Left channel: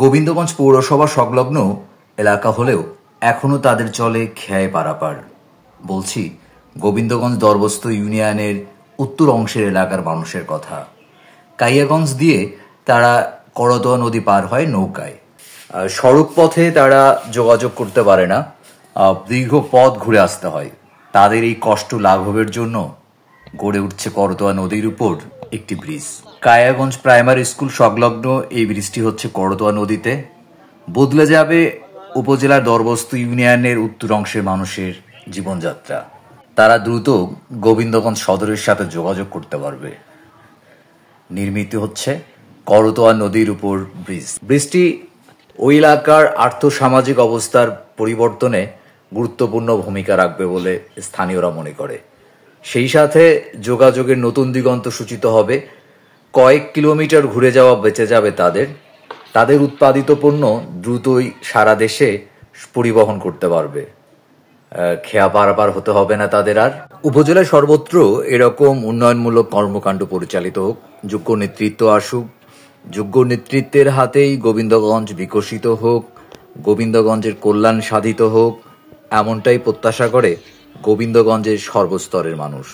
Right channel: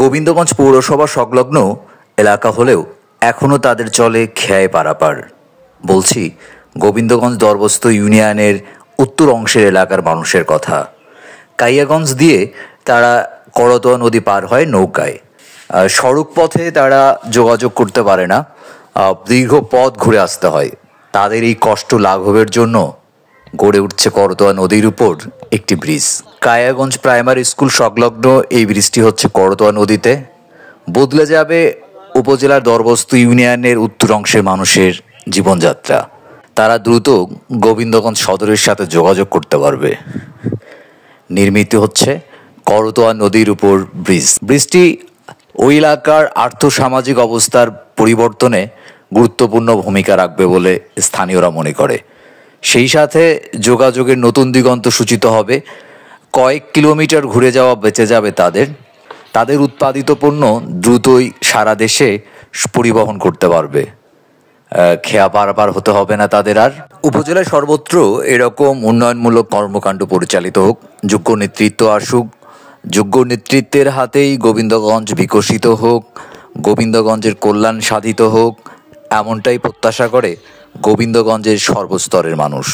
গোবিন্দগঞ্জ পৌরসভা সংলগ্ন এলাকা হলেও এখনও তাদের চলে খেয়াই পারাপার। বলছি গোবিন্দগঞ্জ দরবস্ত ইউনিয়নের উত্তর অংশের এলাকার মানুষের কথা। কাইয়াগঞ্জ দিয়ে তারা করতোয়া নদী পার হয় নৌকায়। সড়ক পথে তারা যোগাযোগ করতে পারে না, দীর্ঘ পথ ঘুরে আসতে হয়। তাদের এই কষ্ট লাঘবের জন্য গড়ে উঠছে করতোয়া নদীর উপর একটি ব্রিজ। কায়াগঞ্জ প্রাইমারি স্কুল সংলগ্ন এই ব্রিজটি হচ্ছে করতোয়া নদীতে। বদলে যাবে উপজেলার দরবস্ত ইউনিয়নের উত্তর অংশের মানুষের জীবনযাত্রা। তারা দ্রুত গোবিন্দগঞ্জ সদরের সাথে যোগাযোগ করতে পারবে। নির্মিত হচ্ছে করতোয়া নদীর উপর ব্রিজটি ওই এলাকার আর্থসামাজিক অবস্থার পরিবর্তনে গুরুত্বপূর্ণ ভূমিকা রাখবে বলে স্থানীয়রা মনে করে। সেই সাথে যোগাযোগের নতুন দিগন্ত সূচিত হবে। কয়েক কিলোমিটার ঘুরে যাওয়া বেঁচে যাবে তাদের উৎপাদিত পণ্য দ্রুতই সারা দেশে পরিবহন করতে পারবে। খেয়া পারাপার হতে হবে না তাদের আর। উপজেলায় সর্বত্র এরকম উন্নয়নমূলক কর্মকাণ্ড পরিচালিত হোক, যোগ্য নেতৃত্ব আসুক, যোগ্য নেতৃত্বের হাতেই গোবিন্দগঞ্জ বিকশিত হোক, গোবিন্দগঞ্জের কল্যাণ সাধিত হোক, এমনটাই প্রত্যাশা করে গোবিন্দগঞ্জের সর্বস্তরের মানুষ।